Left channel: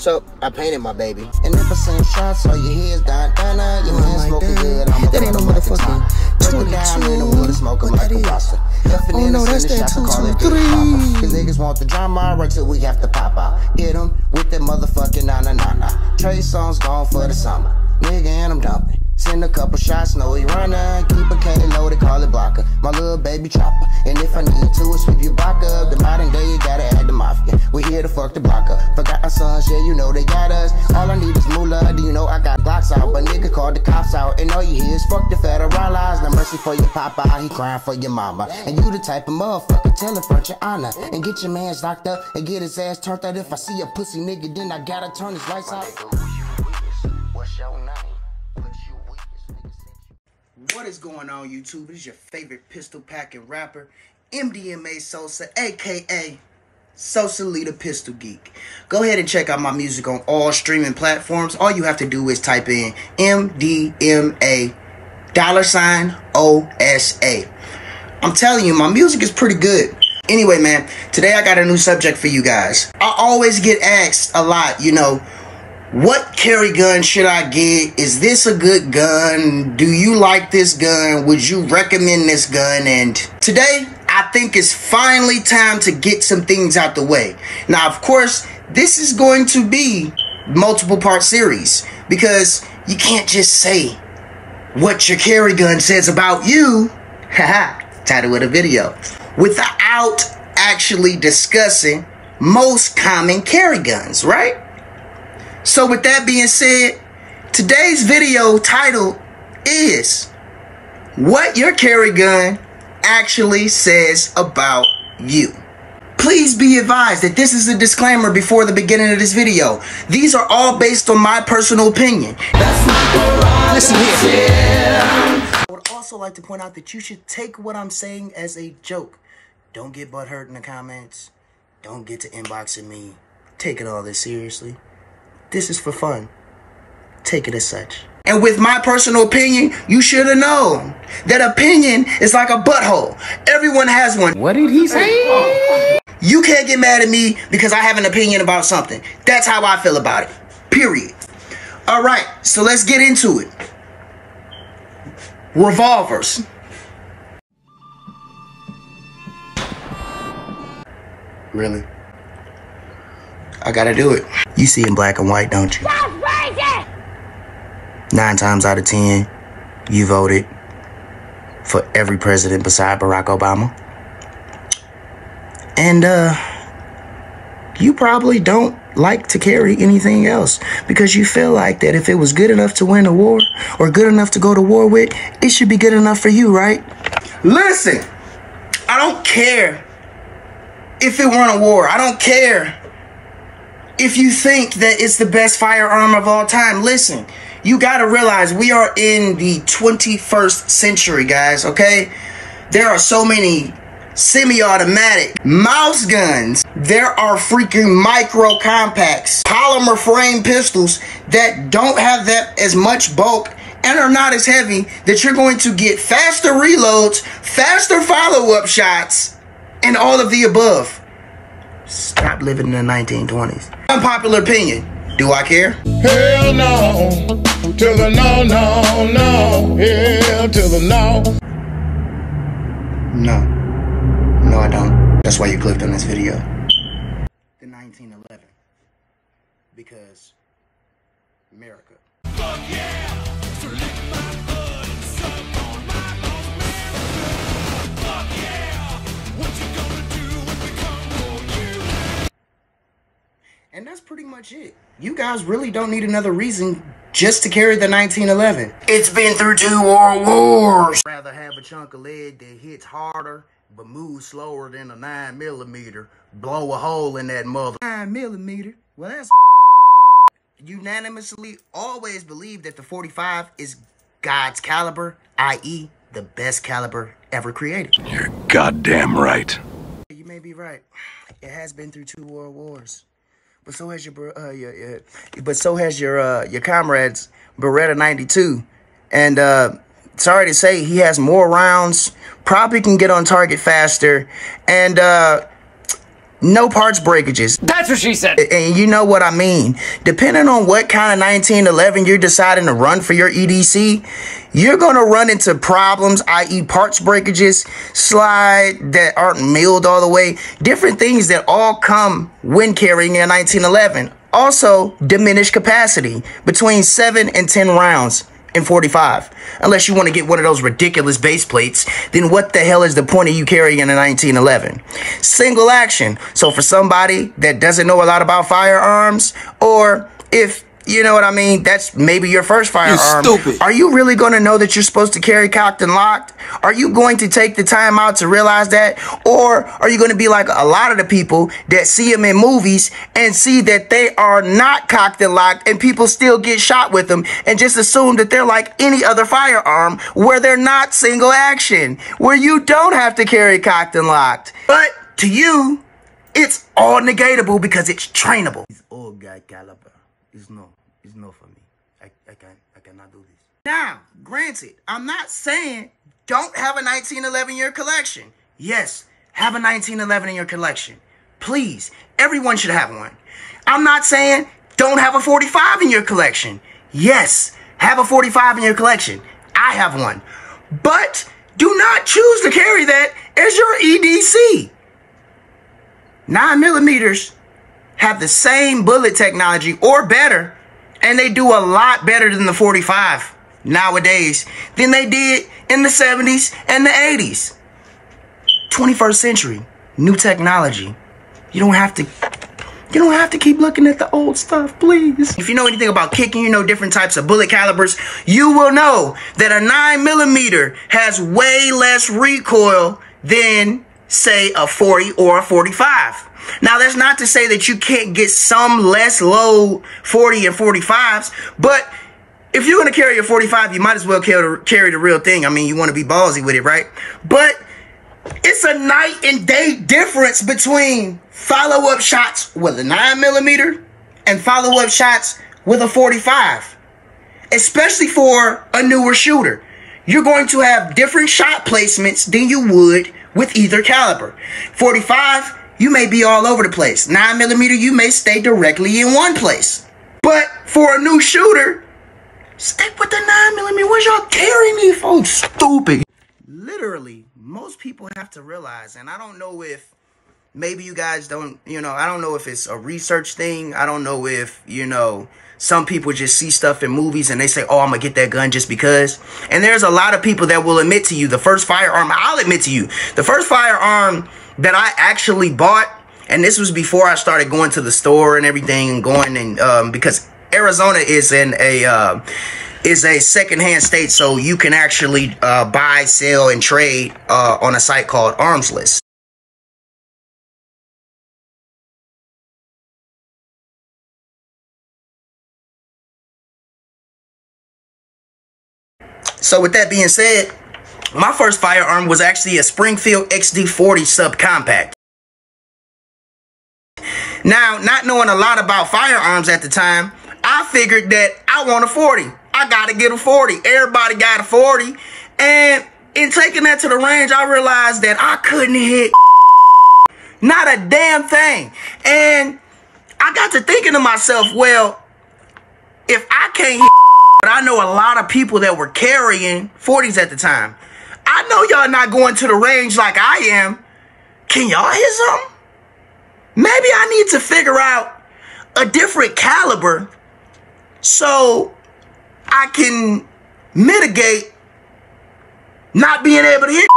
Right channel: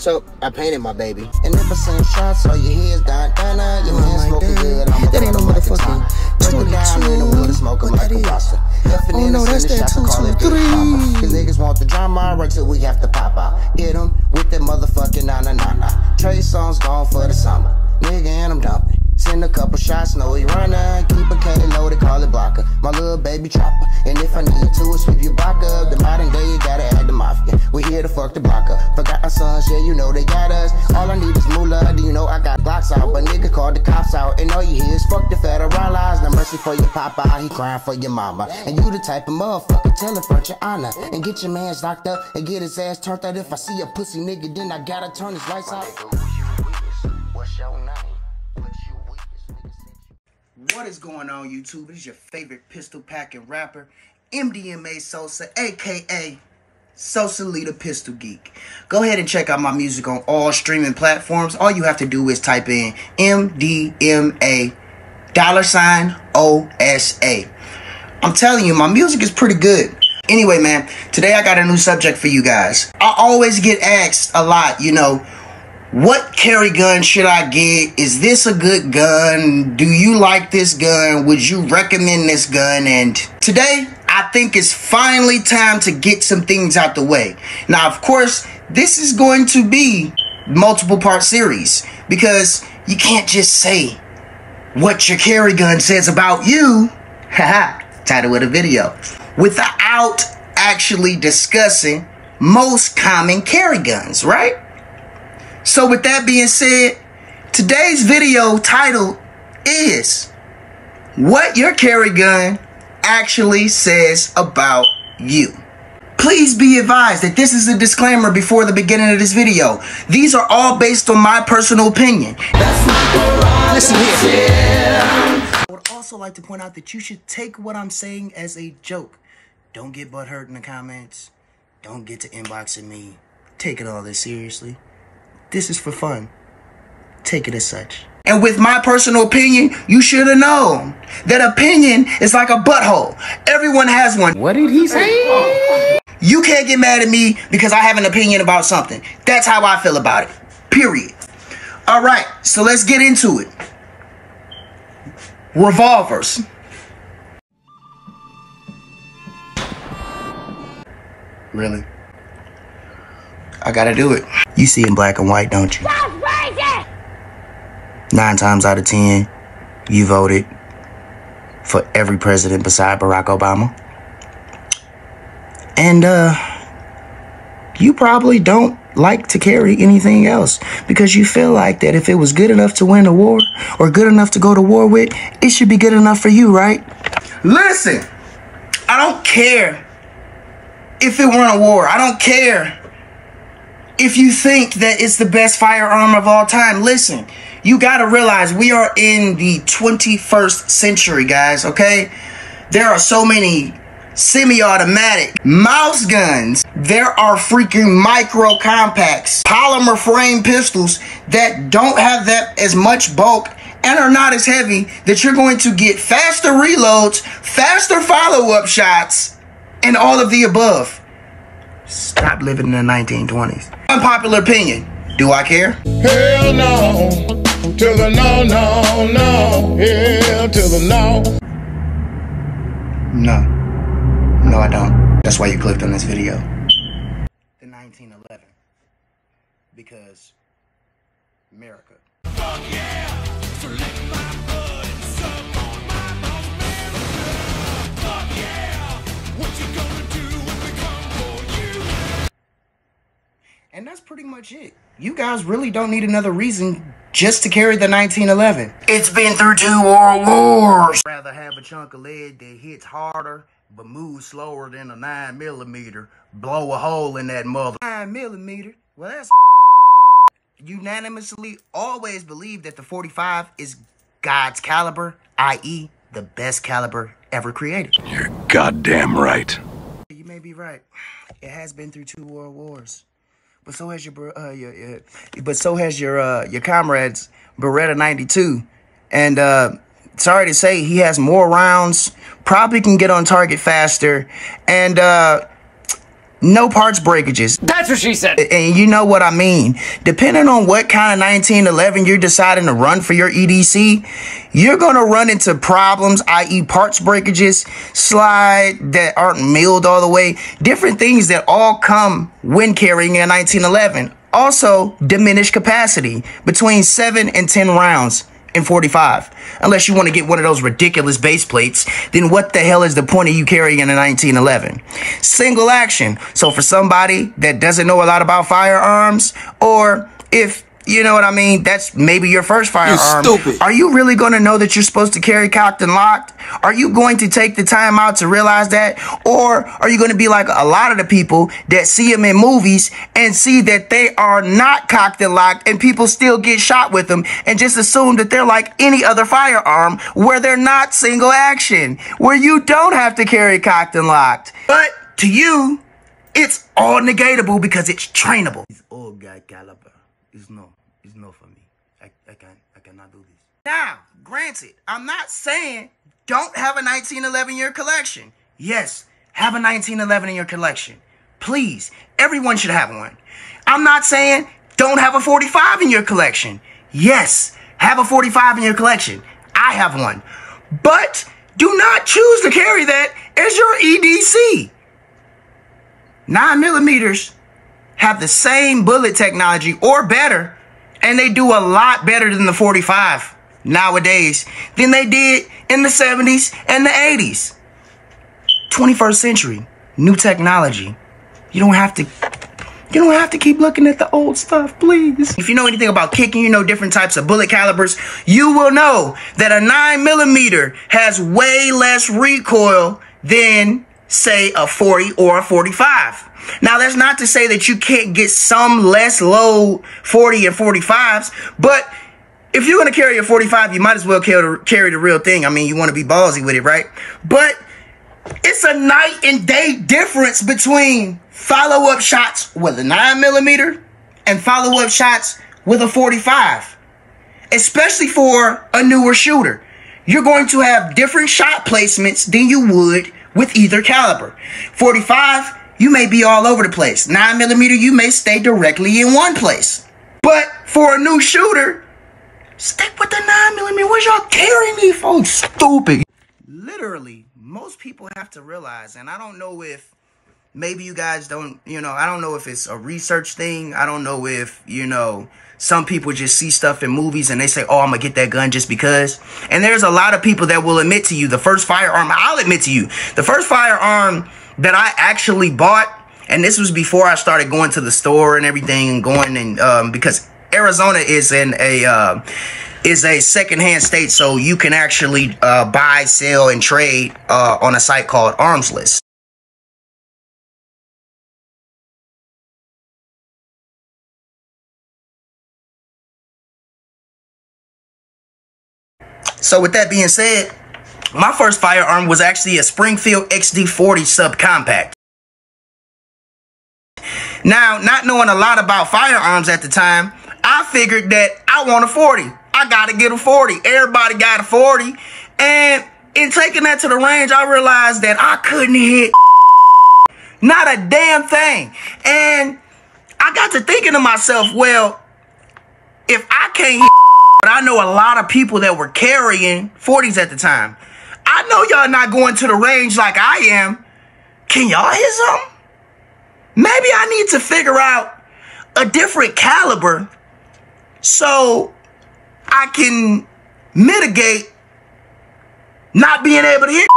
So I painted my baby. And if I send shots, all your heads down, your hands smoking good. That ain't no motherfucking 22. Down in the water, smoking like a roster. Oh no, that's that 223. Cause niggas want the drama right till we have to pop out. Hit them with that motherfucking na. Trey songs gone for the summer. Nigga, and I'm dumping. Send a couple shots, know he running. Keep a K loaded, call it blocker. My little baby chopper. And if I need to, sweep your block up. The modern day, you gotta add the mafia. We here to fuck the block up. Forgot our sons, yeah, you know they got us. All I need is moolah, do you know I got blocks out? But nigga called the cops out. And all you hear is fuck the federal laws. No mercy for your papa, he crying for your mama. And you the type of motherfucker, tell him front your honor. And get your mans locked up and get his ass turned out. If I see a pussy nigga, then I gotta turn his lights out. What's your name? What is going on, YouTube? It is your favorite pistol packing rapper, MDMA Sosa, aka Sosa Leader Pistol Geek. Go ahead and check out my music on all streaming platforms. All you have to do is type in MDMA $OSA. I'm telling you, my music is pretty good. Anyway, man, today I got a new subject for you guys. I always get asked a lot, you know, what carry gun should I get? Is this a good gun? Do you like this gun? Would you recommend this gun? And today, I think it's finally time to get some things out the way. Now, of course, this is going to be multiple part series because you can't just say what your carry gun says about you, haha, title of the video, without actually discussing most common carry guns, right? So with that being said, today's video title is what your carry gun actually says about you. Please be advised that this is a disclaimer before the beginning of this video. These are all based on my personal opinion. Listen here. I would also like to point out that you should take what I'm saying as a joke. Don't get butthurt in the comments. Don't get to inboxing me. Taking all this seriously. This is for fun. Take it as such. And with my personal opinion, you should have known that opinion is like a butthole. Everyone has one. What did he say? You can't get mad at me because I have an opinion about something. That's how I feel about it. Period. All right, so let's get into it. Revolvers. Really? I gotta do it. You see in black and white, don't you? 9 times out of 10, you voted for every president beside Barack Obama. And you probably don't like to carry anything else because you feel like that if it was good enough to win a war or good enough to go to war with, it should be good enough for you, right? Listen, I don't care if it won a war. I don't care if you think that it's the best firearm of all time. Listen, you gotta realize we are in the 21st century, guys, okay? There are so many semi-automatic mouse guns. There are freaking micro compacts, polymer frame pistols that don't have that as much bulk and are not as heavy, that you're going to get faster reloads, faster follow-up shots, and all of the above. Stop living in the 1920s. Unpopular opinion. Do I care? Hell no. To the no, no, no. Hell to the no. No. No, I don't. That's why you clicked on this video. The 1911. Because America. Fuck yeah! So lick my blood and suck on my bones, America. Fuck yeah! What you gonna do when we come for you? And that's pretty much it. You guys really don't need another reason just to carry the 1911. It's been through 2 world wars. I'd rather have a chunk of lead that hits harder but moves slower than a 9mm. Blow a hole in that mother. 9mm? Well, that's unanimously always believe that the 45 is God's caliber, i.e. the best caliber ever created. You're goddamn right. You may be right. It has been through 2 world wars. But so has your comrade's Beretta 92. And sorry to say, he has more rounds, probably can get on target faster, and no parts breakages. That's what she said. And you know what I mean. Depending on what kind of 1911 you're deciding to run for your EDC, you're going to run into problems, i.e. parts breakages, slide that aren't milled all the way, different things that all come when carrying a 1911. Also, diminished capacity between 7 and 10 rounds in 45. Unless you want to get one of those ridiculous base plates, then what the hell is the point of you carrying a 1911? Single action. So for somebody that doesn't know a lot about firearms, or if you know what I mean, that's maybe your first firearm. You're stupid. Are you really going to know that you're supposed to carry cocked and locked? Are you going to take the time out to realize that? Or are you going to be like a lot of the people that see them in movies and see that they are not cocked and locked and people still get shot with them and just assume that they're like any other firearm where they're not single action, where you don't have to carry cocked and locked? But to you, it's all negatable because it's trainable. It's all guy caliber. It's no for me. I cannot do this. Now, granted, I'm not saying don't have a 1911 in your collection. Yes, have a 1911 in your collection. Please, everyone should have one. I'm not saying don't have a 45 in your collection. Yes, have a 45 in your collection. I have one. But do not choose to carry that as your EDC. 9mm have the same bullet technology or better, and they do a lot better than the 45 nowadays than they did in the 70s and the 80s. 21st century, new technology. You don't have to keep looking at the old stuff, please. If you know anything about kicking, you know different types of bullet calibers, you will know that a 9mm has way less recoil than, say, a 40 or a 45. Now, that's not to say that you can't get some less low 40 and 45s, but if you're going to carry a 45, you might as well carry the real thing. I mean, you want to be ballsy with it, right? But it's a night and day difference between follow-up shots with a 9mm and follow-up shots with a 45, especially for a newer shooter. You're going to have different shot placements than you would with either caliber. 45, you may be all over the place. 9mm, you may stay directly in one place. But for a new shooter, stick with the 9mm. What y'all carrying me for? Stupid. Literally, most people have to realize, and I don't know if maybe you guys don't, I don't know if it's a research thing. I don't know if, some people just see stuff in movies and they say, oh, I'm going to get that gun just because. And there's a lot of people that will admit to you, the first firearm, I'll admit to you, the first firearm that I actually bought, and this was before I started going to the store and everything and going and, because Arizona is a secondhand state, so you can actually buy, sell, and trade on a site called Arms List. So with that being said, my first firearm was actually a Springfield XD40 subcompact. Now, not knowing a lot about firearms at the time, I figured that I want a 40. I gotta get a 40. Everybody got a 40. And in taking that to the range, I realized that I couldn't hit not a damn thing. And I got to thinking to myself, well, if I can't hit, but I know a lot of people that were carrying 40s at the time. I know y'all not going to the range like I am. Can y'all hit something? Maybe I need to figure out a different caliber so I can mitigate not being able to hit.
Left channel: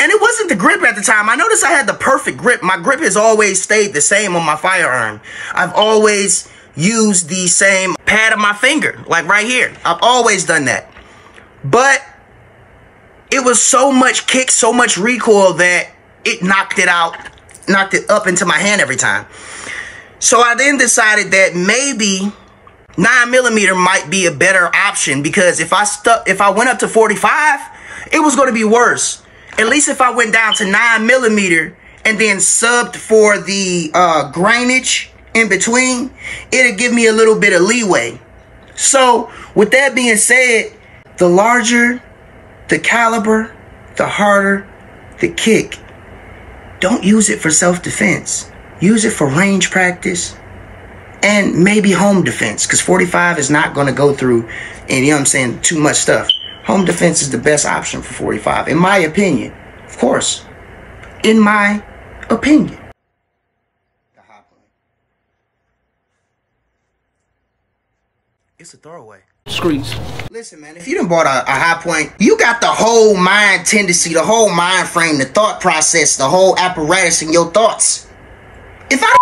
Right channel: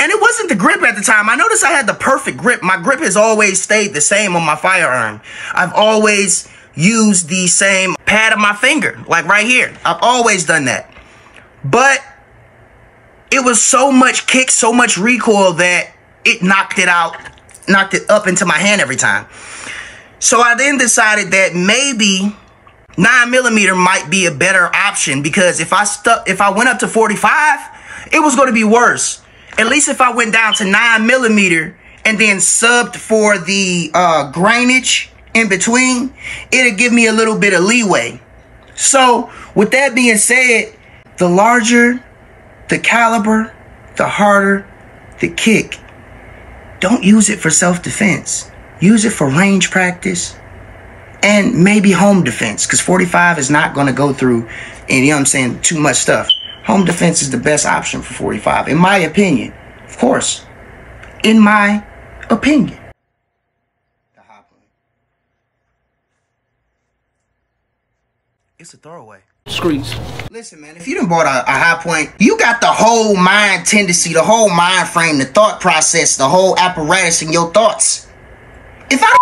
And it wasn't the grip at the time. I noticed I had the perfect grip. My grip has always stayed the same on my firearm. I've always used the same pad of my finger, like right here. I've always done that. But it was so much kick, so much recoil that it knocked it up into my hand every time. So I then decided that maybe 9mm might be a better option, because if I went up to 45, it was going to be worse. At least if I went down to 9mm and then subbed for the grainage in between, it'd give me a little bit of leeway. So with that being said, the larger the caliber, the harder the kick. Don't use it for self-defense. use it for range practice and maybe home defense, because 45 is not going to go through, and you know what I'm saying, too much stuff. Home defense is the best option for 45, in my opinion. Of course, in my opinion. The high point. It's a throwaway. Streets. Listen, man, if you done bought a high point, you got the whole mind tendency, the whole mind frame, the thought process, the whole apparatus in your thoughts. If I don't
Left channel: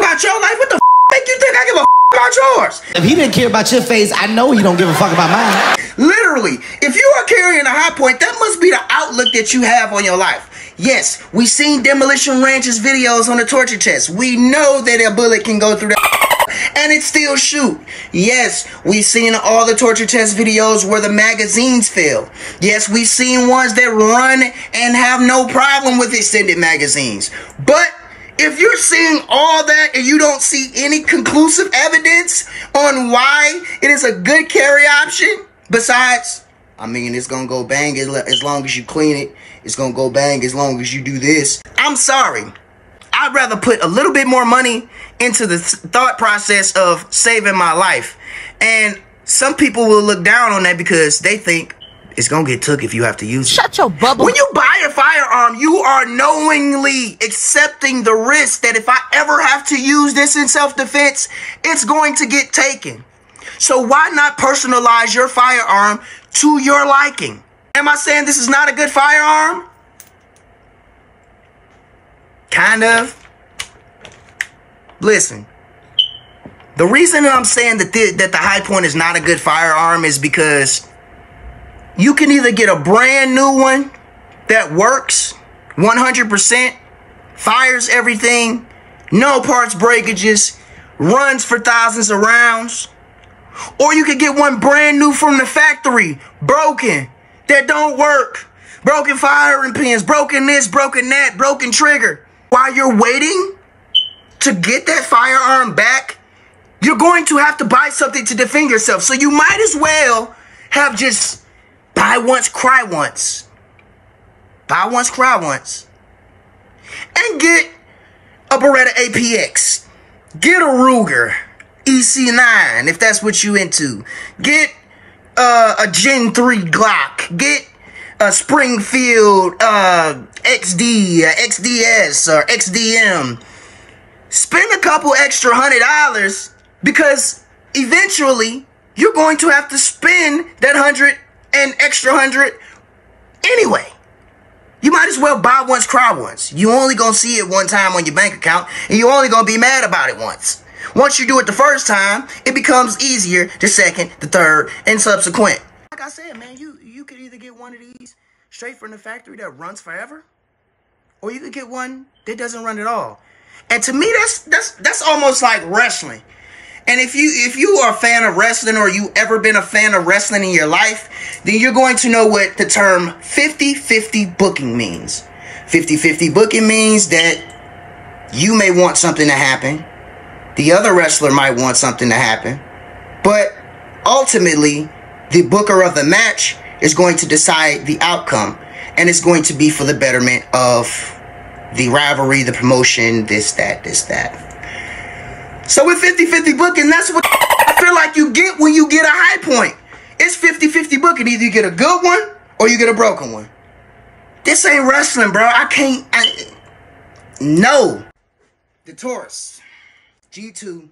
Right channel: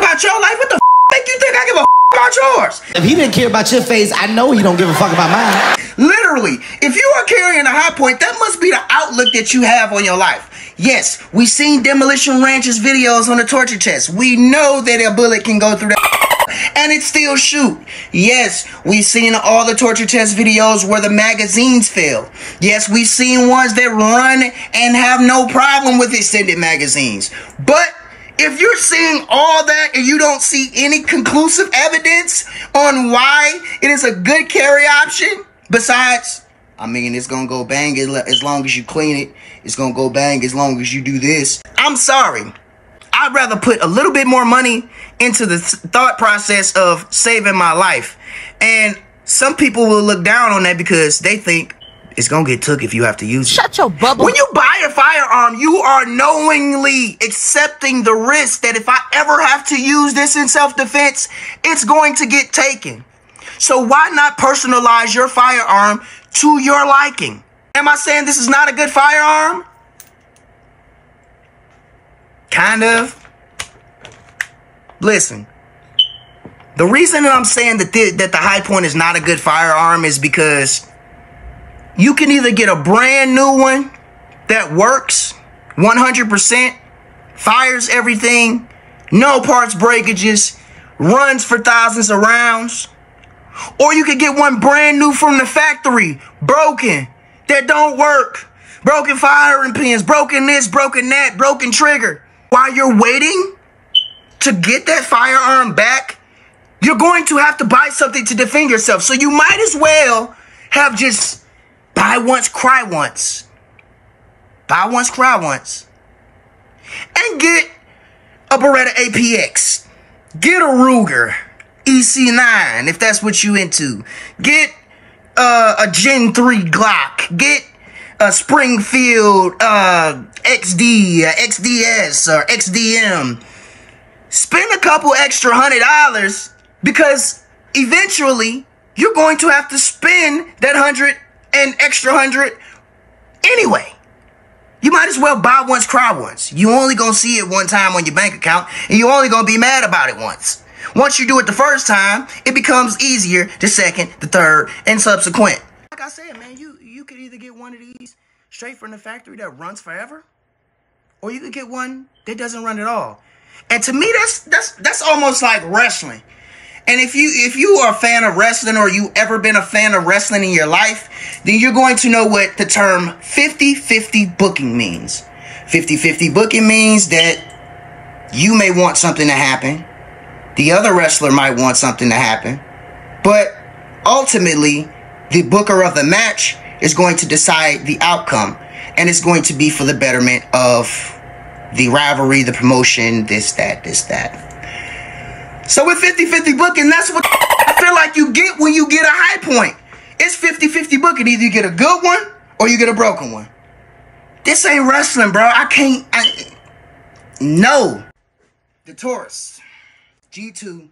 about your life, what the make you think I give a about yours? If he didn't care about your face, I know he don't give a fuck about mine. Literally, if you are carrying a high point, that must be the outlook that you have on your life. Yes, we seen Demolition Ranch's videos on the torture test. We know that a bullet can go through that and it still shoot. Yes, we've seen all the torture test videos where the magazines fail. Yes, we've seen ones that run and have no problem with extended magazines. But if you're seeing all that and you don't see any conclusive evidence on why it is a good carry option, besides, I mean, it's going to go bang as long as you clean it. It's going to go bang as long as you do this. I'm sorry. I'd rather put a little bit more money into the thought process of saving my life. And some people will look down on that because they think it's going to get took if you have to use it. Shut your bubble. When you buy a firearm, you are knowingly accepting the risk that if I ever have to use this in self-defense, it's going to get taken. So why not personalize your firearm to your liking? Am I saying this is not a good firearm? Kind of. Listen, the reason that I'm saying that the high point is not a good firearm is because you can either get a brand new one that works 100%, fires everything, no parts breakages, runs for thousands of rounds, or you can get one brand new from the factory, broken, that don't work, broken firing pins, broken this, broken that, broken trigger. While you're waiting to get that firearm back, you're going to have to buy something to defend yourself. So you might as well have just buy once, cry once. Buy once, cry once. And get a Beretta APX. Get a Ruger EC9 if that's what you into. Get a Gen 3 Glock. Get a Springfield XD, XDS, or XDM. Spend a couple extra $100 because eventually you're going to have to spend that extra 100 anyway. You might as well buy once, cry once. You only gonna see it one time on your bank account, and you only gonna be mad about it once. Once you do it the first time, it becomes easier the second, the third, and subsequent. Like I said, man, you could either get one of these straight from the factory that runs forever, or you could get one that doesn't run at all. And to me, that's almost like wrestling. And if you are a fan of wrestling, or you ever been a fan of wrestling in your life, then you're going to know what the term 50-50 booking means. 50-50 booking means that you may want something to happen. The other wrestler might want something to happen. But ultimately, the booker of the match is going to decide the outcome. And it's going to be for the betterment of the rivalry, the promotion, this, that. So with 50-50 booking, that's what I feel like you get when you get a high point. It's 50-50 booking. Either you get a good one or you get a broken one. This ain't wrestling, bro. No. The Taurus. G2,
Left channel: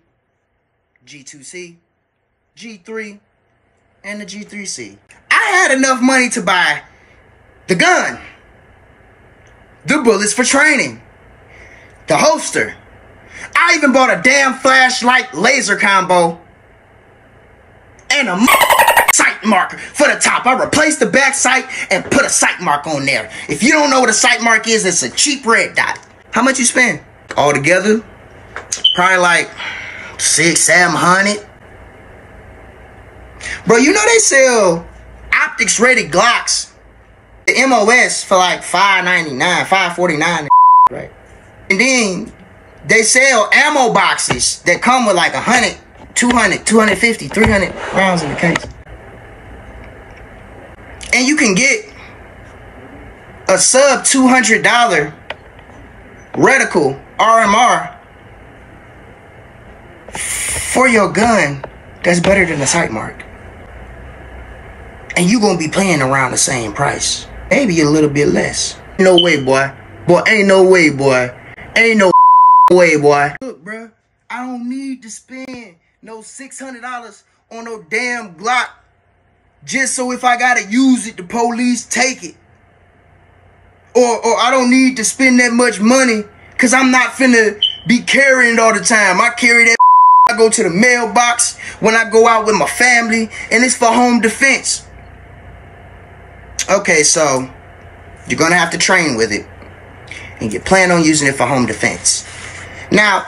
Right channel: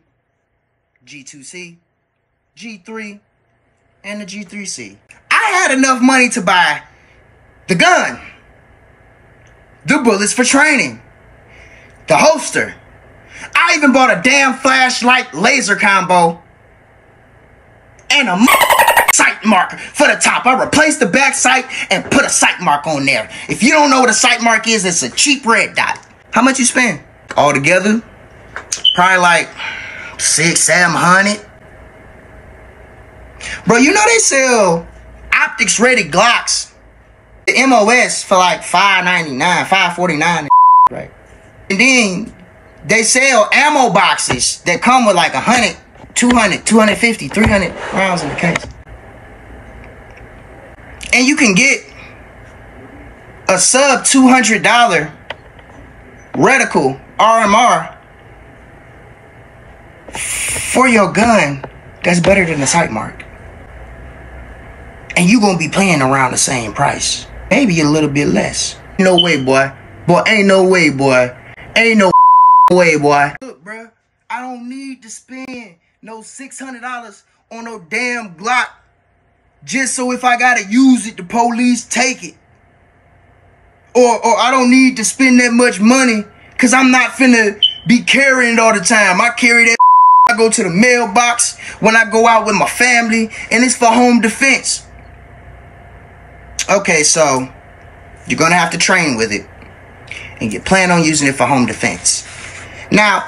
G2C, G3, and the G3C. I had enough money to buy the gun, the bullets for training, the holster. I even bought a damn flashlight laser combo and a sight mark for the top. I replaced the back sight and put a sight mark on there. If you don't know what a sight mark is, it's a cheap red dot. How much you spend? All together, probably like $600-700. Bro, you know they sell optics rated Glocks, the MOS, for like $5.99, $5.49, right? And then they sell ammo boxes that come with like 100, 200, 250, 300 rounds in the case. And you can get a sub $200 reticle RMR for your gun that's better than the sight mark. And you gonna be paying around the same price. Maybe a little bit less. No way, boy. Boy, ain't no way, boy. Ain't no way, boy. Look, bro, I don't need to spend no $600 on no damn Glock just so if I gotta use it, the police take it. Or I don't need to spend that much money because I'm not finna be carrying it all the time. I carry that I go to the mailbox when I go out with my family, and it's for home defense. Okay, so you're gonna have to train with it, and you plan on using it for home defense. Now,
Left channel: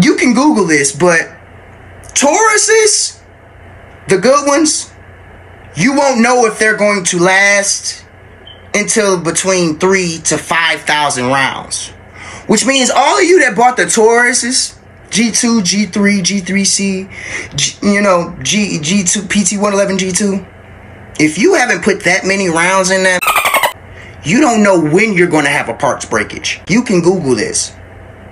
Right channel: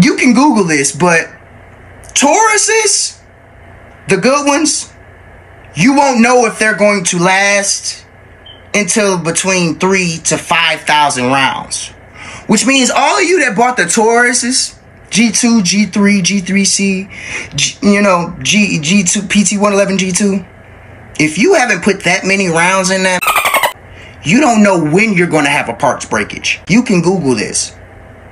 you can Google this, but Tauruses, the good ones, you won't know if they're going to last until between 3,000 to 5,000 rounds. Which means all of you that bought the Tauruses, G2, G3, G3C, G2, PT111 G2, if you haven't put that many rounds in that, you don't know when you're going to have a parts breakage. You can Google this.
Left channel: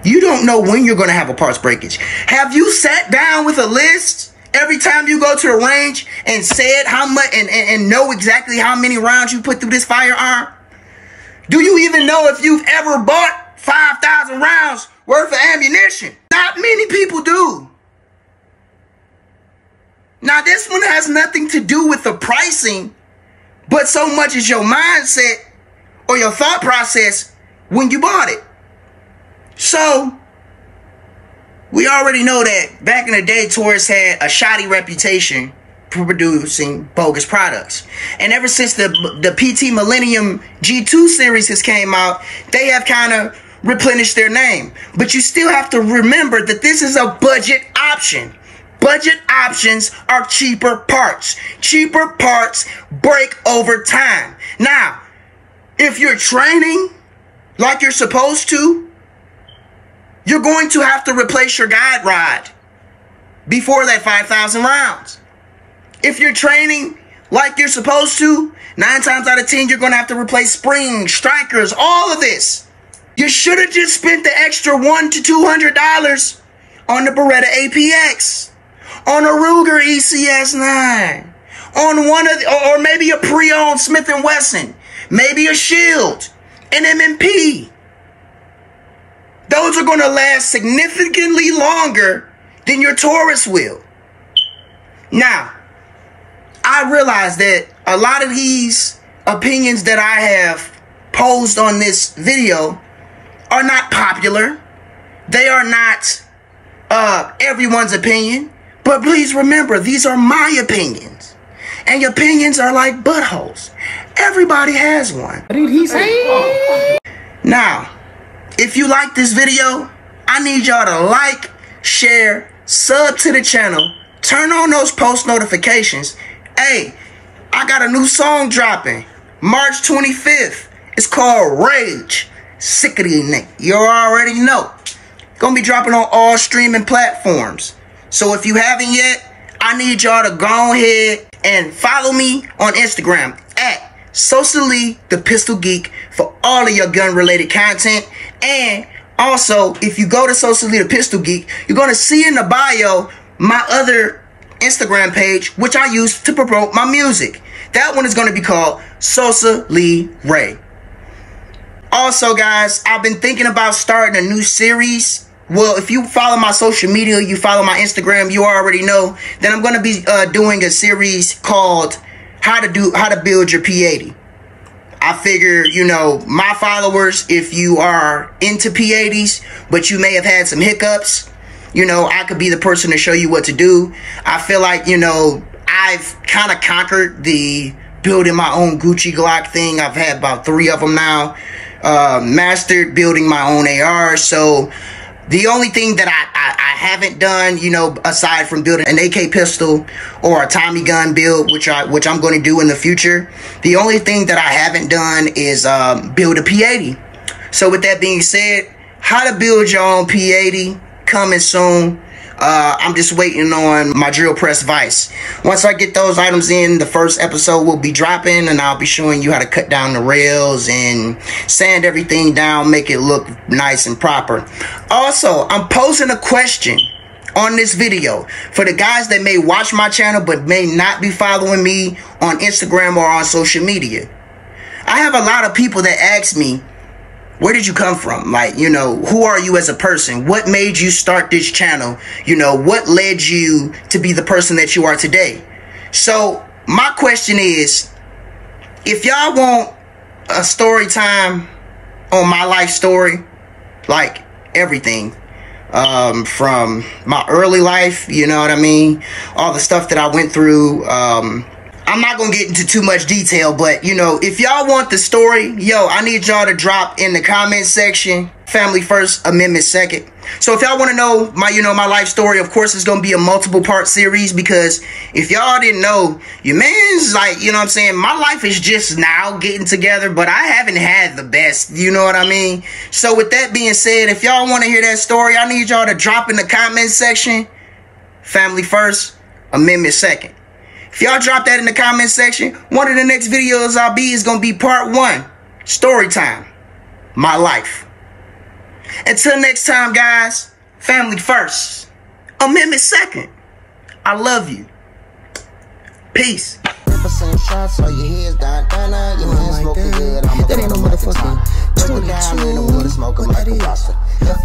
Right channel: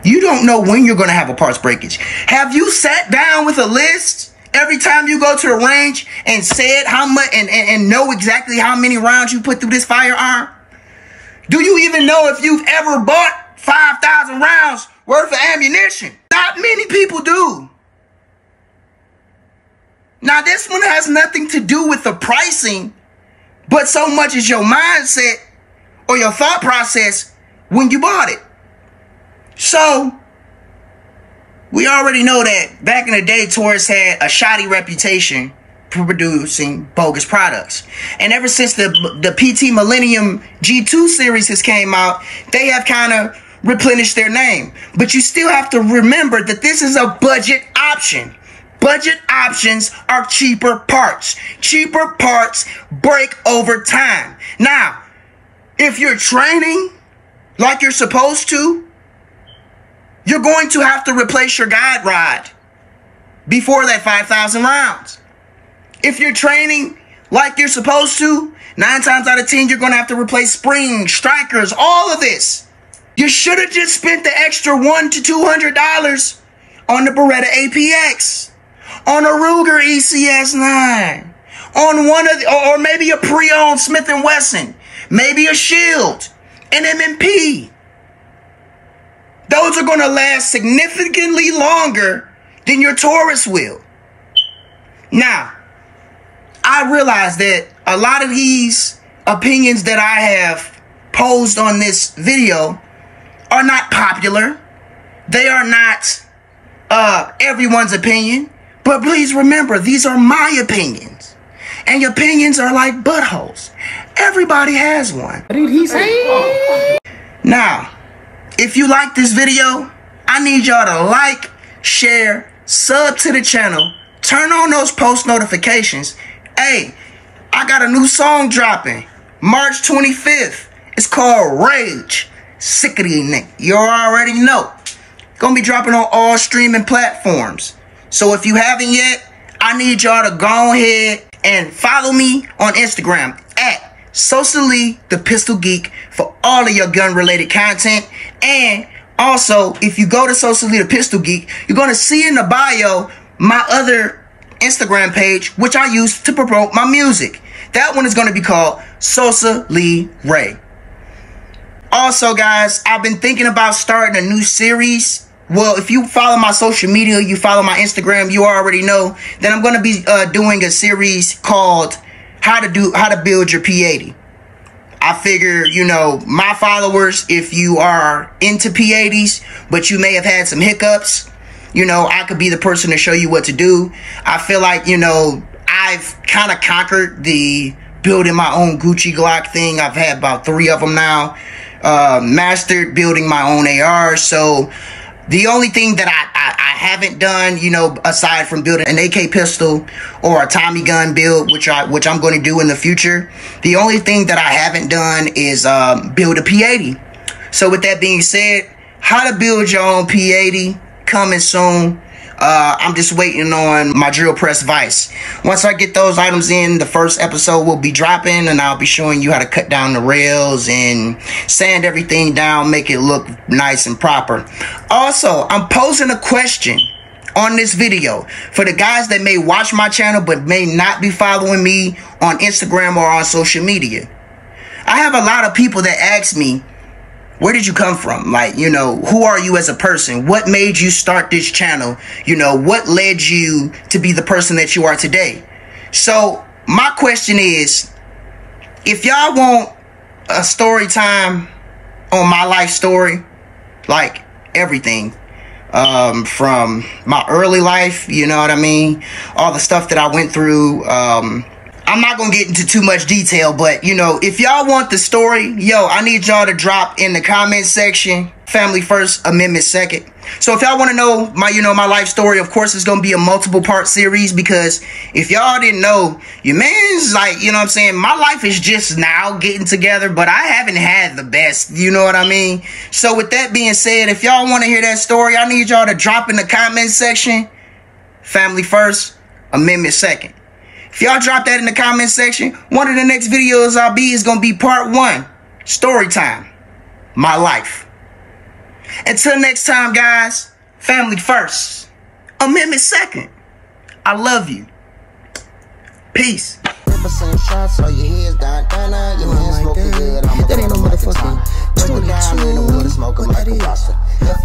You don't know when you're going to have a parts breakage. Have you sat down with a list every time you go to the range and said how much and know exactly how many rounds you put through this firearm? Do you even know if you've ever bought 5,000 rounds worth of ammunition? Not many people do. Now, this one has nothing to do with the pricing, but so much as your mindset or your thought process when you bought it. So, we already know that back in the day, Taurus had a shoddy reputation for producing bogus products. And ever since the PT Millennium G2 series has came out, they have kind of replenished their name. But you still have to remember that this is a budget option. Budget options are cheaper parts. Cheaper parts break over time. Now, if you're training like you're supposed to, you're going to have to replace your guide rod before that 5,000 rounds. If you're training like you're supposed to, 9 times out of 10, you're going to have to replace springs, strikers, all of this. You should have just spent the extra $100 to $200 on the Beretta APX, on a Ruger ECS9, on one of the, or maybe a pre-owned Smith & Wesson, maybe a Shield, an M&P. Those are going to last significantly longer than your Taurus will. Now, I realize that a lot of these opinions that I have posed on this video are not popular. They are not everyone's opinion. But please remember, these are my opinions. And opinions are like buttholes. Everybody has one. What did he say? Now, if you like this video, I need y'all to like, share, sub to the channel, turn on those post notifications. Hey, I got a new song dropping March 25th. It's called Rage. Sick of these niggas. You already know. Gonna be dropping on all streaming platforms. So if you haven't yet, I need y'all to go ahead and follow me on Instagram at Socially the Pistol Geek for all of your gun related content. And also, if you go to Socially the Pistol Geek, you're going to see in the bio my other Instagram page, which I use to promote my music. That one is going to be called Sosa Lee Ray. Also, guys, I've been thinking about starting a new series. Well, if you follow my social media, you follow my Instagram, you already know that I'm going to be doing a series called How to Build Your P80. I figure, you know, my followers, if you are into P80s, but you may have had some hiccups, you know, I could be the person to show you what to do. I feel like, you know, I've kind of conquered the building my own Gucci Glock thing. I've had about 3 of them now. Mastered building my own AR. So the only thing that I haven't done, you know, aside from building an AK pistol or a Tommy gun build, which I'm going to do in the future, the only thing that I haven't done is build a P80. So with that being said, how to build your own P80 coming soon. I'm just waiting on my drill press vise. Once I get those items in, the first episode will be dropping, and I'll be showing you how to cut down the rails and sand everything down, make it look nice and proper. Also, I'm posing a question on this video, for the guys that may watch my channel but may not be following me on Instagram or on social media. I have a lot of people that ask me, where did you come from? Like, you know, who are you as a person? What made you start this channel? You know, what led you to be the person that you are today? So my question is, if y'all want a story time on my life story, like everything, from my early life, you know what I mean? All the stuff that I went through, I'm not gonna get into too much detail, but you know, if y'all want the story, yo, I need y'all to drop in the comment section, family first, amendment second. So if y'all want to know my, my life story, of course, it's gonna be a multiple part series, because if y'all didn't know, your man's like, you know what I'm saying, my life is just now getting together, but I haven't had the best, you know what I mean? So with that being said, if y'all want to hear that story, I need y'all to drop in the comment section, family first, amendment second. If y'all drop that in the comment section, one of the next videos I'll be is going to be part 1, story time, my life. Until next time, guys, family first, amendment second. I love you. Peace. Shots, so your head's down, your hands smoking good. That ain't no motherfucking 22.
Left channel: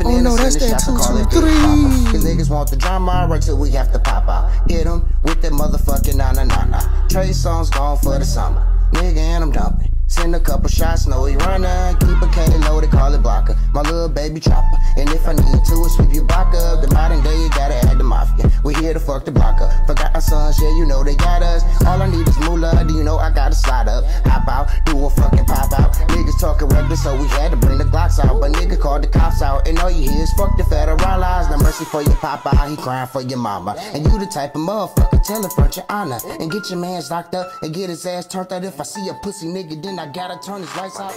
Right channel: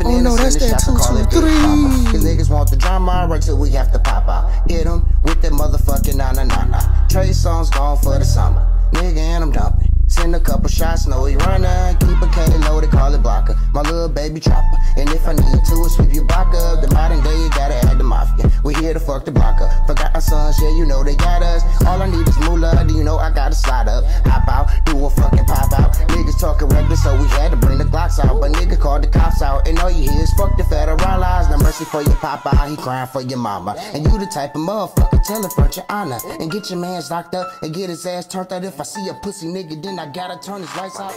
Oh no, that's that 223. Cause niggas want the drama right till we have to pop out. Hit them with that motherfucking na-na-na-na. Trey songs gone for the summer. Nigga, and I'm dumping. Send a couple shots, no he runner. Keep a K loaded, call it blocker. My little baby chopper. And if I need to, sweep your block up. The modern day, you gotta add the mafia. We here to fuck the block up. Forgot our sons, yeah, you know they got us. All I need is moolah, do you know I gotta slide up. Hop out, do a fucking pop out. Niggas talking reckless, so we had to bring the Glocks out. But nigga called the cops out. And all you hear is fuck the federal laws. No mercy for your papa, he crying for your mama. And you the type of motherfucker, tell it front your honor. And get your mans locked up and get his ass turned out. If I see a pussy nigga, then I gotta turn his lights out.